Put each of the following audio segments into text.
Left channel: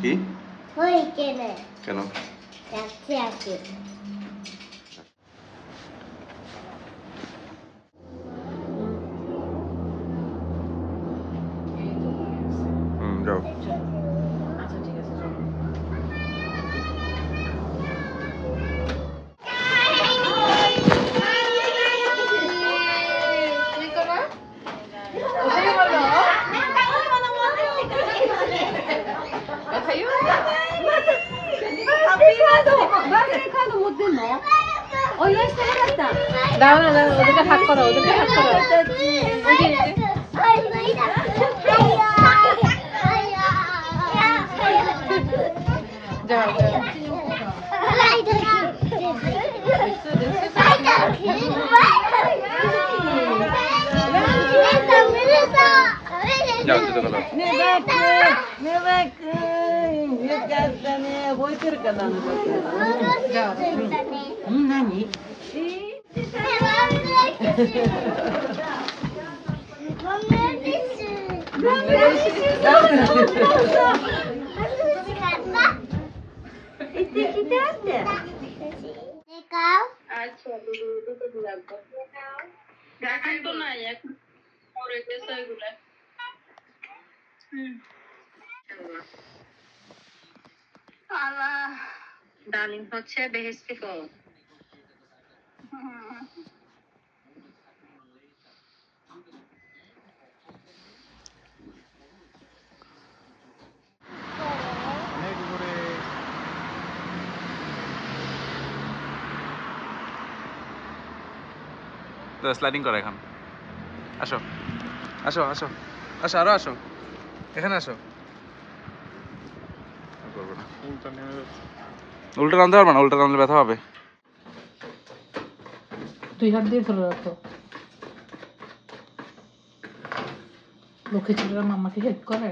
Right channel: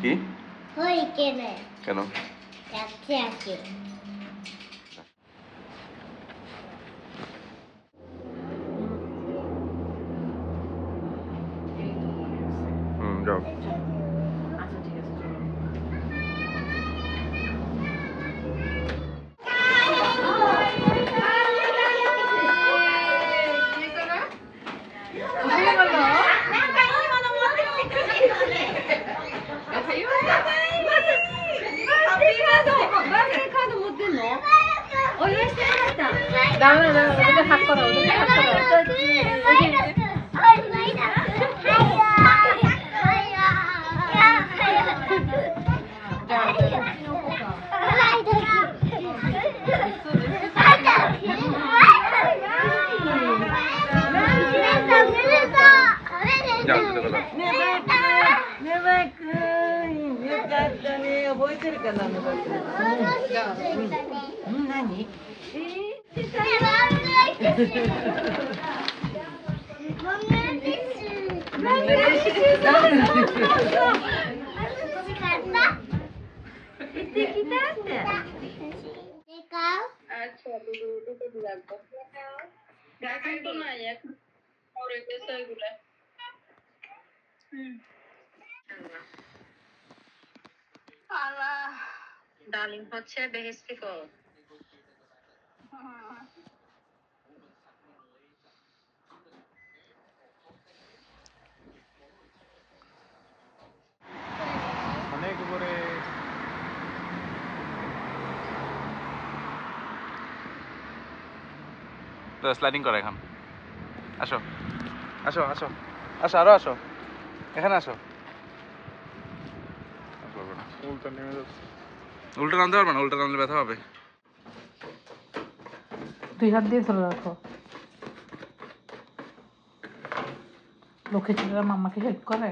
কি কেন যাও ডালিম হচ্ছে বেহেশতি ফল। স্লাইডিং করো এখন আসো আসো আসো আসো আরো আসো এখানে আসো করবে না উল্টো নামতে পারবে না উল্টো নামলে ব্যথা হবে দুই হাত দিয়ে ধরে রাখো লক্ষ্মী ছেলেরা মাম্মাকে হেল্প করে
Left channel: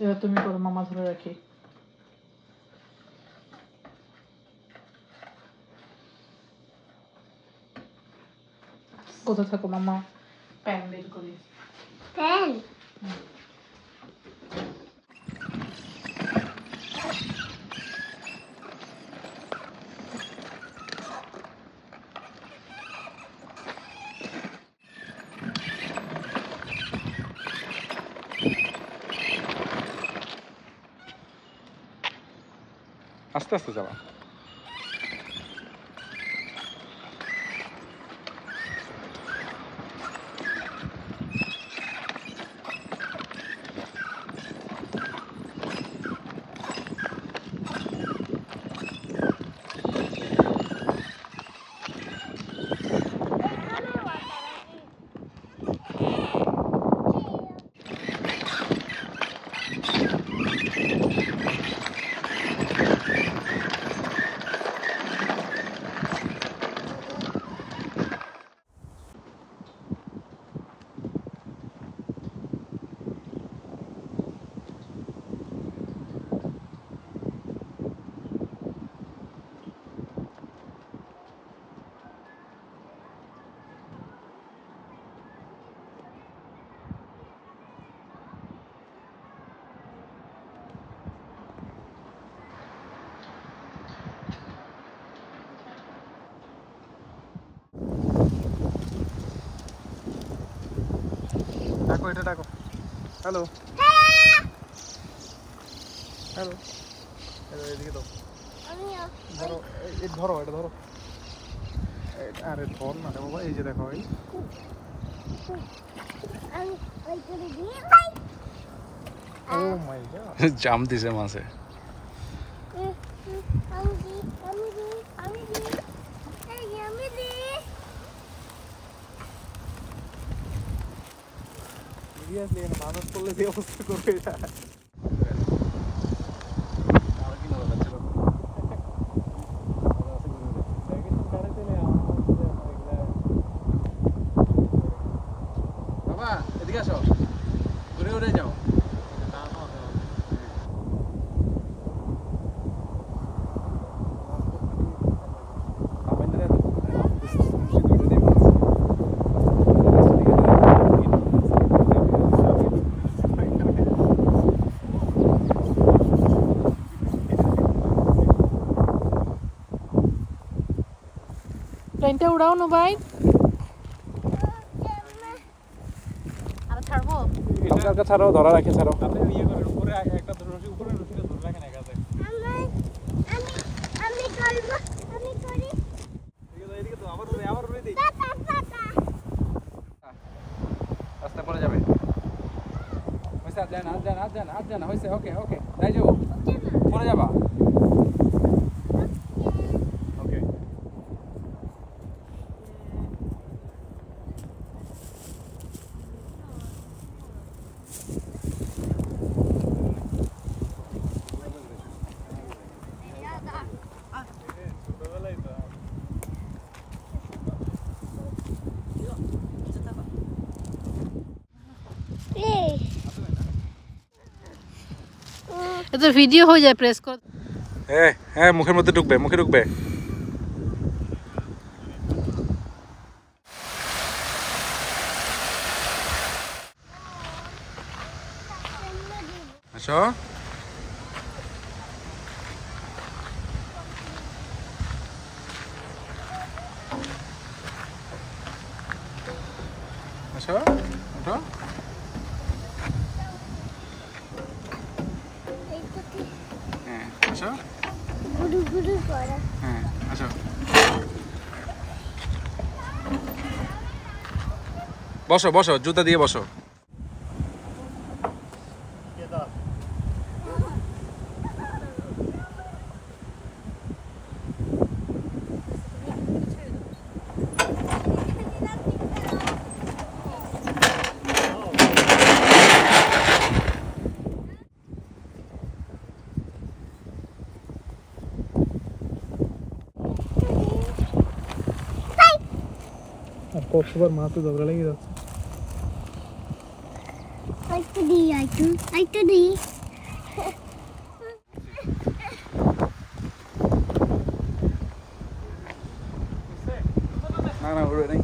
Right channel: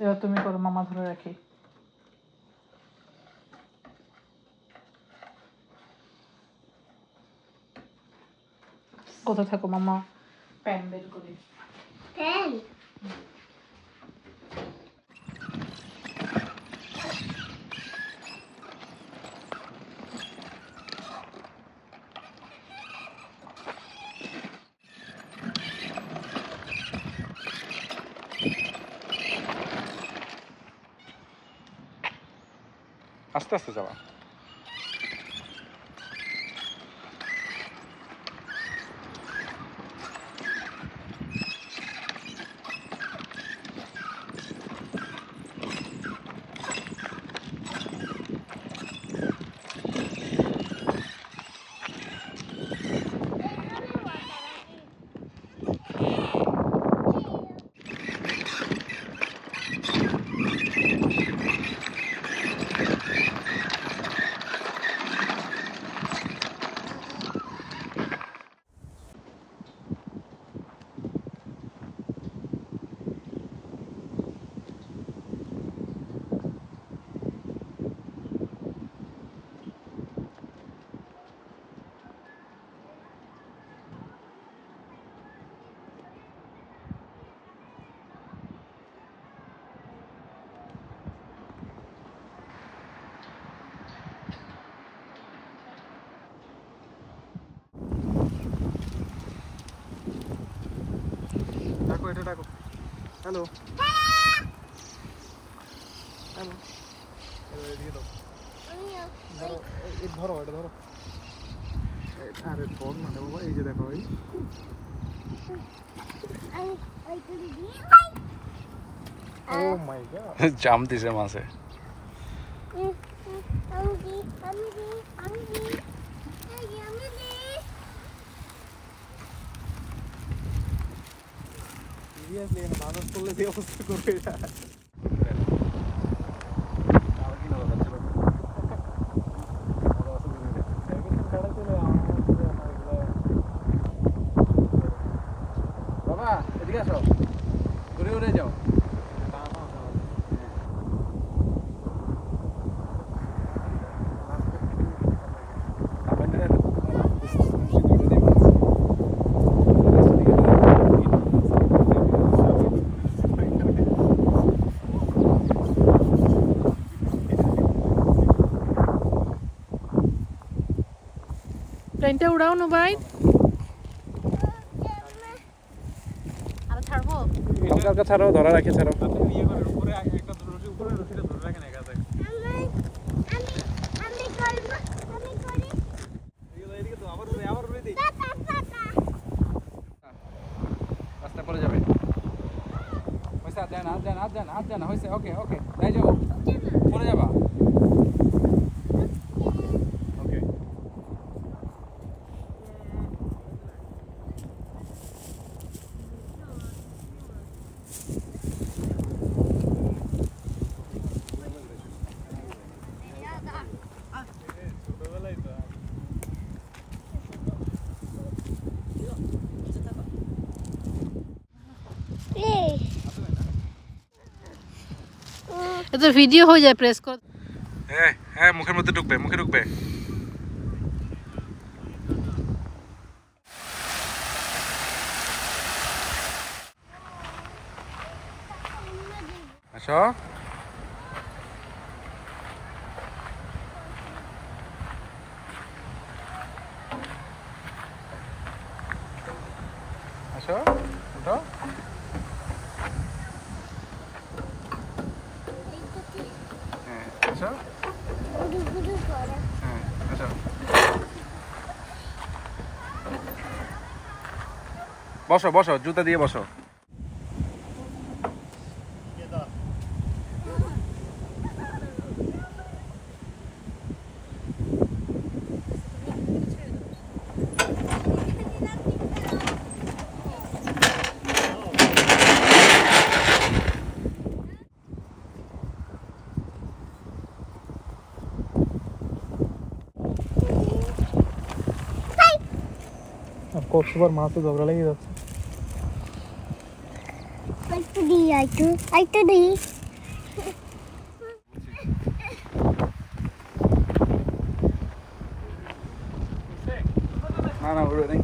এবার তুমি করো মামা ধরে রাখি কোথা থাকো মামা প্যান বের করি প্যান আস্তে আস্তে চালা ডাকো এটা ডাকো হ্যালো হ্যালো এদিকে দাও ধরো এই ধরো এটা ধরো আরে ধর না রে বাবা এই যে দেখো এই ও মাই গড জাম দিছে মাছে সিরিয়াসলি এখানে মানুষ করলে যে অবস্থা করবে এটা বাবা এদিকে আসো ঘুরে ঘুরে যাও প্লেনটা উড়াও না ভাই। আর ছাড়বো হালকা ছাড়াও, ধরা রাখে ছাড়াও। ওকে ওকে তাই যাবো, পরে যাবা। ওকে এটা ভিডিও হয়ে যায়, প্রেস কর। হ্যাঁ হ্যাঁ, মুখের মধ্যে ঢুকবে, মুখে ঢুকবে। আসো আসো, ওঠো। হ্যাঁ আসো, হ্যাঁ আসো। বসো বসো, জুতা দিয়ে বসো। আর কতবার মাছে ঝগড়া লেগে যাচ্ছে। না না, ওরে নেই।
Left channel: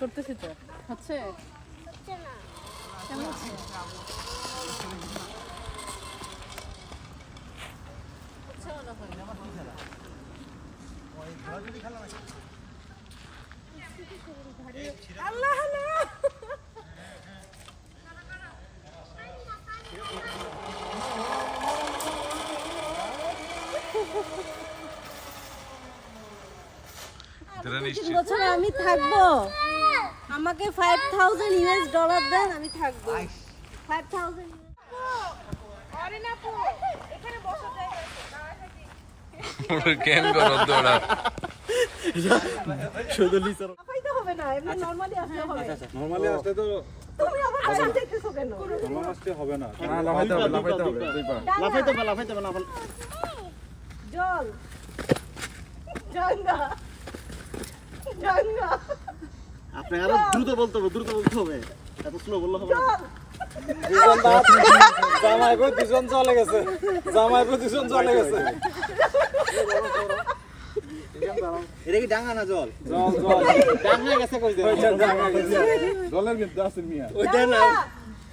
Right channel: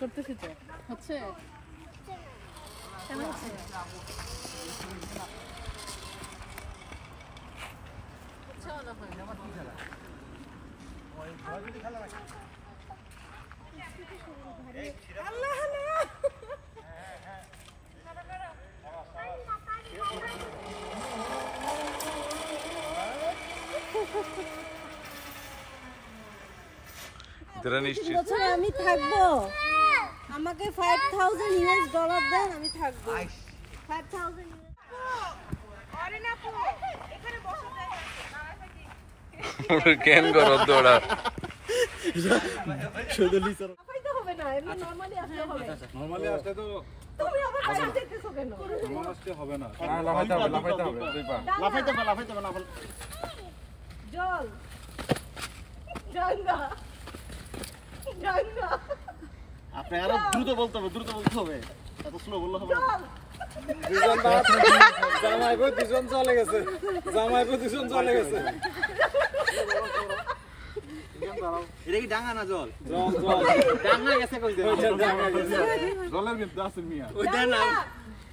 করতেছি তো, হচ্ছে বছরে আমি থাকবো, আমাকে $5,000 দেন, আমি থাকবো। 5,000 কেন করো দৌড়া শুধু লিসার হবে না, এমনি নরমালি আসতে হবে। নরমালি আসলে তো তুমি আমার কাছে যেতেছো কেন? নরমাল আসলে হবে না। হ্যাঁ, লাফাইতে হবে দুই পা। লাফাইতে হবে। জল গঙ্গা গঙ্গা। আপনি আরো দ্রুত বলতে হবে, এত স্লো বললে হবে না। জামাইবো দুজন চলে গেছে। এটা কি ডাঙ্গা না জল? জল ডাঙ্গা গেছে কই দেন? জলের মধ্যে আছে মিয়া। ওই দেন না।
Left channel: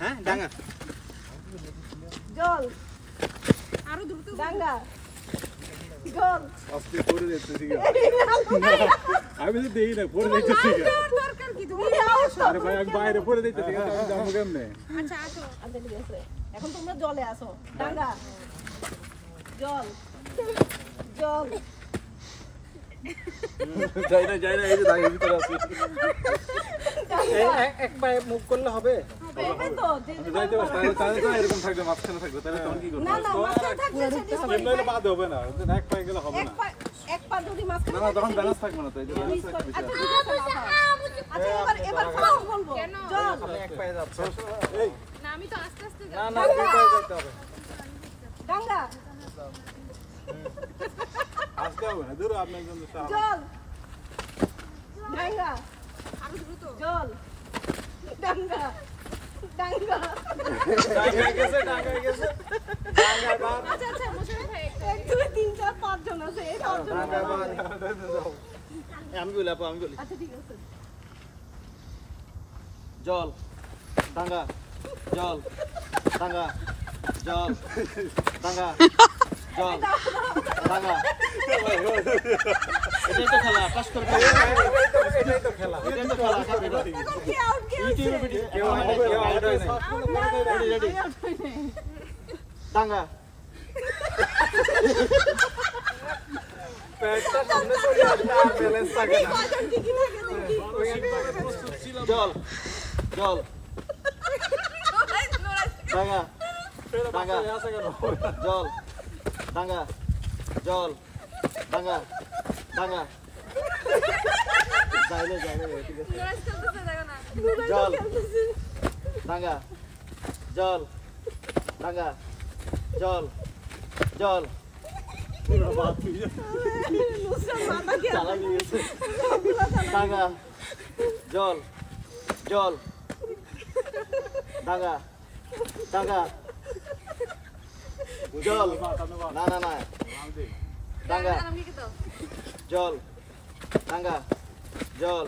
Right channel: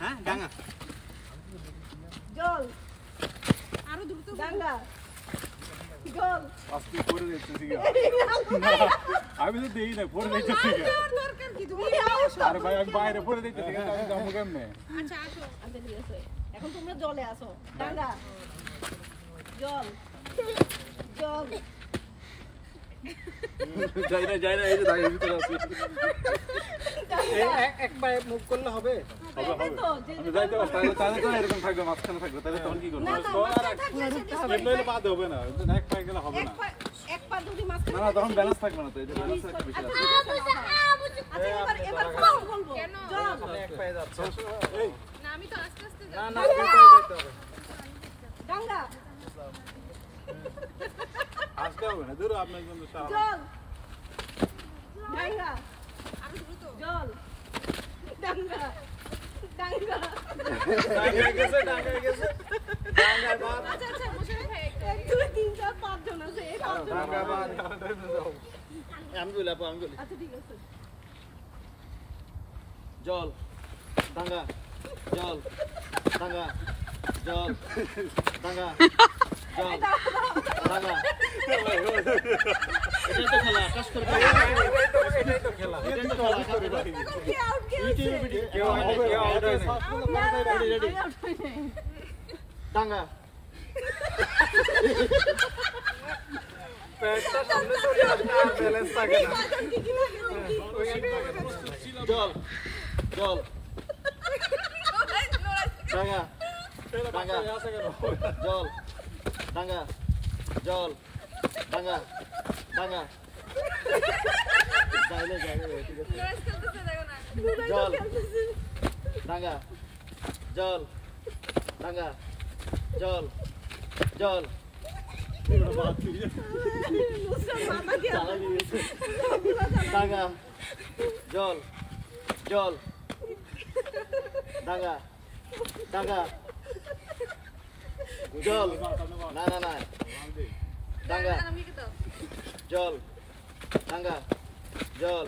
হ্যাঁ ডাঙ্গা। জল আরো দ্রুত গঙ্গা জল। আজকে পড়ে যাচ্ছে ঠিক আছে। আমি তো দেই না, পড়ে যাচ্ছে ঠিক আছে। দরকার কি তুমি আসো? আরে ভাই আমি বাইরে পড়ে যাচ্ছে ঠিক আছে, আমি যাবো কেমনে? আচ্ছা আসো, আনতে দিয়েছে। এখন তোমরা জলে আসো। গঙ্গা জল জল। যাই না, এই যে দাগের ভিতরে আছি। এক পায়ে মুভ করলে হবে? এটাই তো যে আমি যাইতে পারি তাহলে তো এরকম থাকবে মাঝখানে থাকবে তাহলে তখন কি করব না না মাথায় থাকবে কেমন হইলে বাদ হবে না এক পায়ে গেলে হবে না এক পা দুটি মাঝখানে না তখন ব্যালেন্স থাকবে না তো এই যে ব্যালেন্স একটা বিষয় আছে আচ্ছা এবার ফার্স্ট বলবো জল আপনি এক পায়ে যাচ্ছেন এই না আমি তো আস্তে আস্তে না না দুই পায়ে যেতে হবে গঙ্গা আসতে হবে না দূর আপনি একজন জল গঙ্গা আরো দ্রুত জল গঙ্গা গঙ্গা ডাঙ্গায় গেছে ডাঙ্গায় বাদ আচ্ছা আচ্ছা মোশাররফ ভাই 1 2 3 4 5 জন আছে এই পাঁচ জন ডাঙ্গায় বাদ আমি বলি আপু আমি বলি আচ্ছা ঠিক আছে জল ডাঙ্গা জল ডাঙ্গা জল ডাঙ্গা জল ডাঙ্গা এটাই তো খেলা আকাশ করে এটাই তো খেলা এটাই তো খেলা আকাশ করে কি আউট ইউটিউবে ভিডিও কেউ হবে কেউ আউট হয় না রেডি ডাঙ্গা পেটটা সামনে চলে আসছে আর ব্যালেন্স থাকে না জল জল ডাঙ্গা ডাঙ্গা আছে কেন জল ডাঙ্গা জল ডাঙ্গা ডাঙ্গা যাইলে ঠিক আছে জল ডাঙ্গা জল ডাঙ্গা জল জল চালা গিয়েছে ডাঙ্গা জল জল ডাঙ্গা ডাঙ্গা জল না না না ডাঙ্গা জল ডাঙ্গা জল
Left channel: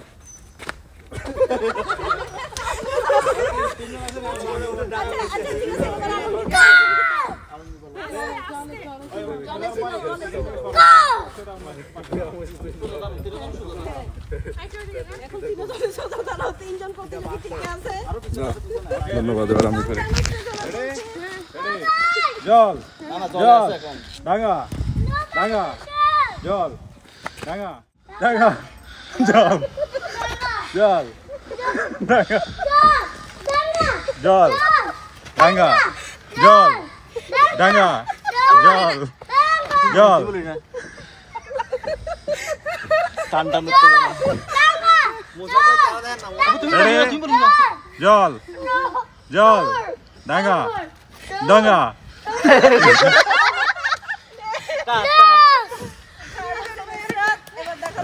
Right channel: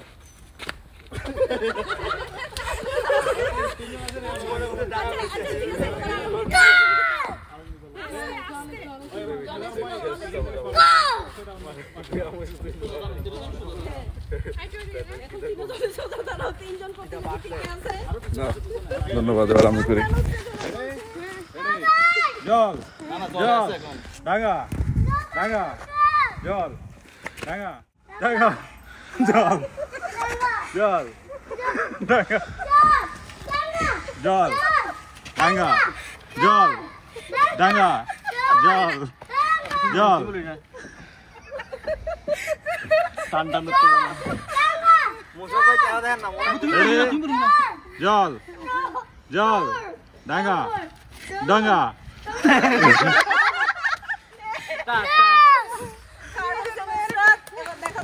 ধন্যবাদ আমাকে জল জল ডাঙ্গা ডাঙ্গা জল ডাঙ্গা ডাঙ্গা জল জল ডাঙ্গা জল ডাঙ্গা জল ডাঙ্গা জল জল টান টান করতে মোজা কই চালা দেন না জল জল ডাঙ্গা ডাঙ্গা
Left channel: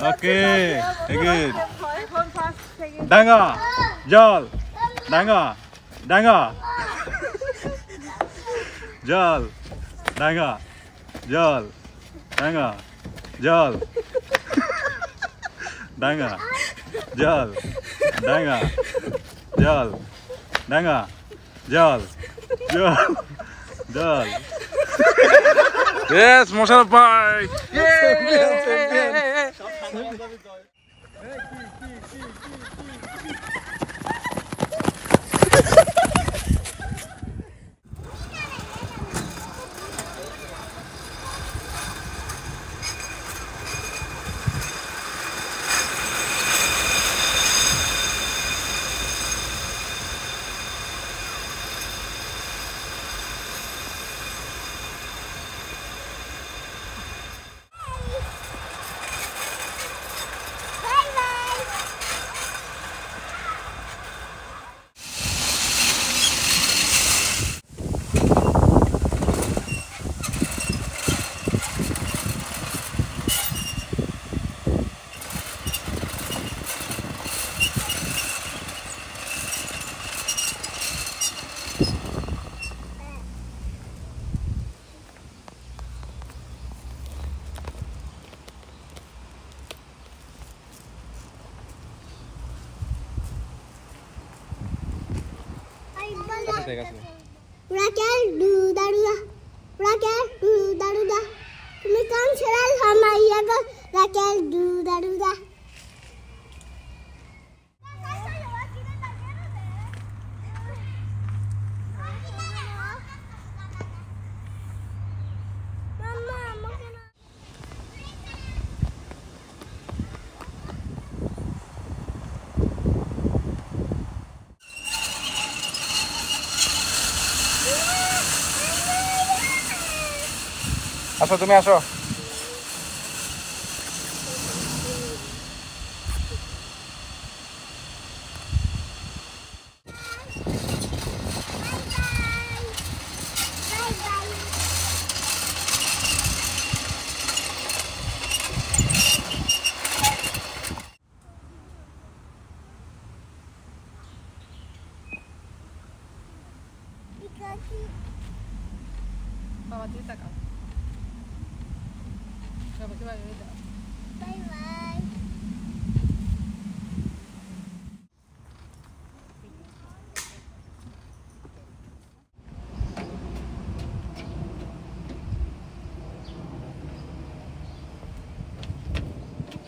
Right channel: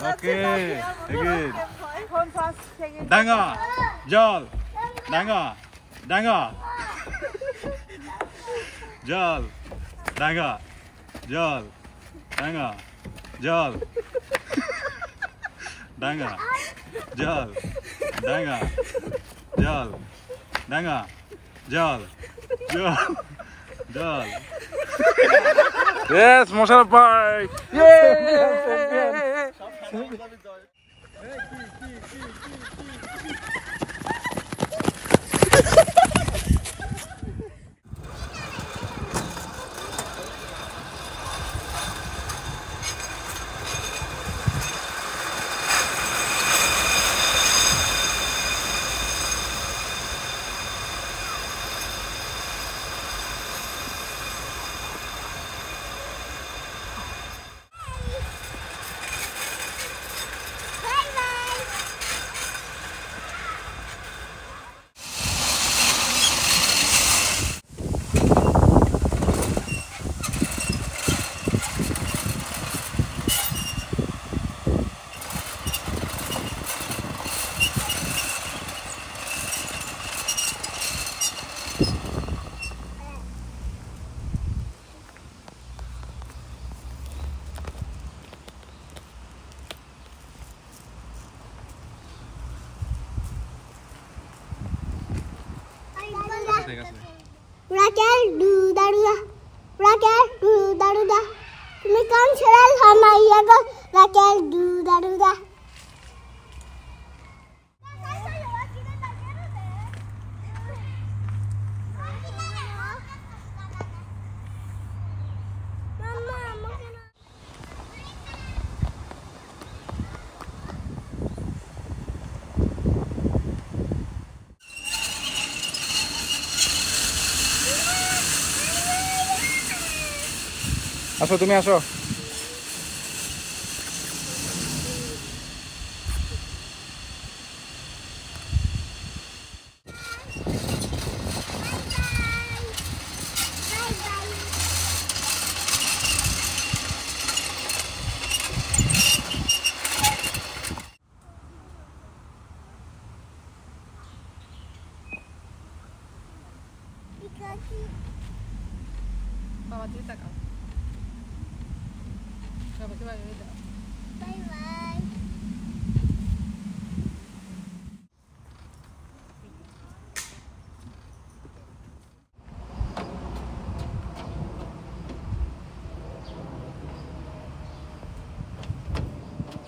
ওকে ডাঙ্গা জল ডাঙ্গা ডাঙ্গা জল ডাঙ্গা জল ডাঙ্গা জল ডাঙ্গা জল ডাঙ্গা জল ডাঙ্গা জল জল জল Yes, Mosharraf bhai. Raquel du daruda, Raquel du daruda. তুমি কাম ছেড়ে হামাইয়া গো Raquel du daruda. আসো তুমি আসো বাবা তুই তাকাও বাবাকে বাই বাই দাও বাই বাই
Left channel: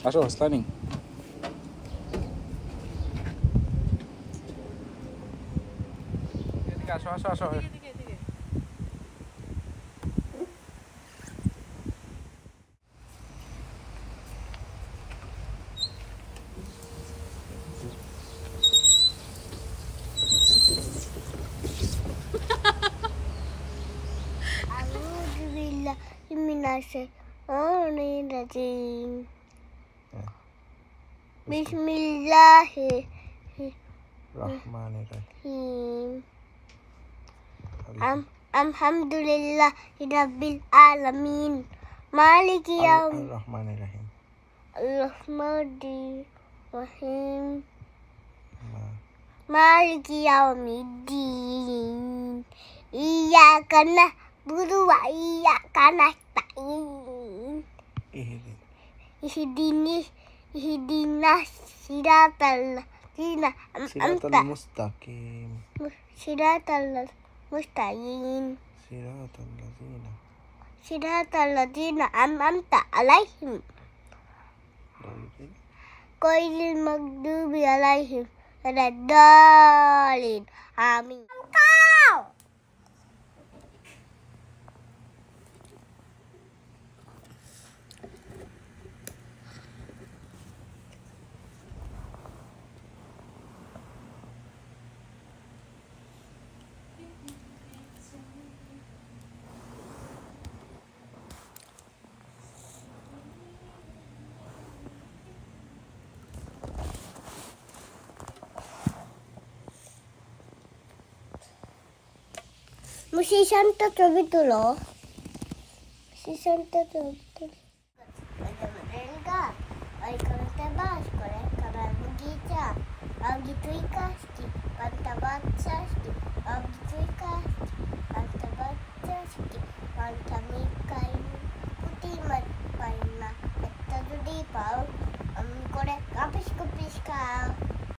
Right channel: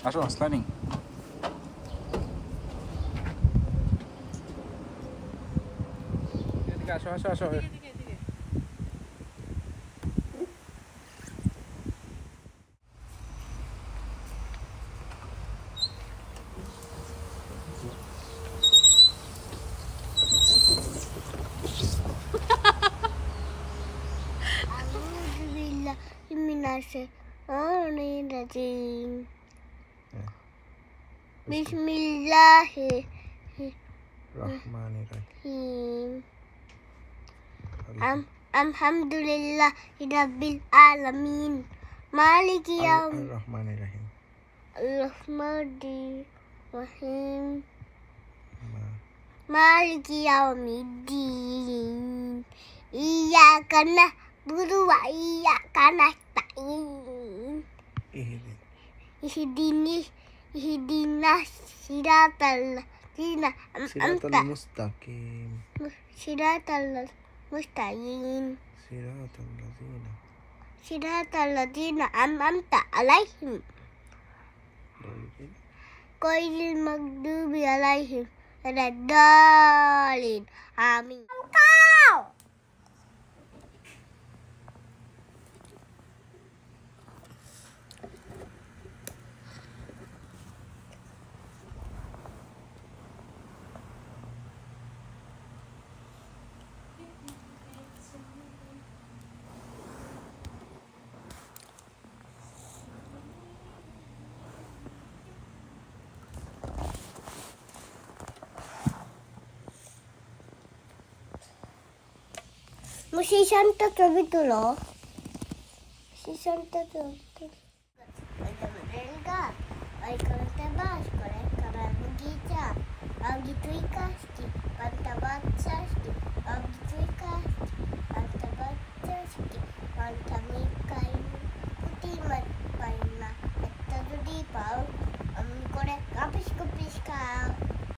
আসো স্ল্যানি এদিকে আসো আসো আসো এদিকে এদিকে Alhamdulillah Bismillahirrahmanirrahim. Bismillahirrahmanirrahim. Alhamdulillah Rabbil Alamin. Maliki Yaum Rahmanirrahim Rahmanirrahim. Maliki Yaumiddin. Iyyaka na'budu wa iyyaka nasta'in. Ihdinas siratal ladzina an'amta mustaqim siratal mustaqim siratal ladzina an'amta alaihim ghairil maghdubi alaihim waladdallin. Amin. Kau. Musisanta ছবি তুলো musisanta ছবি তুলো ওই করতে বাস করে কাবার গিয়েছা আগে তুই কাজটি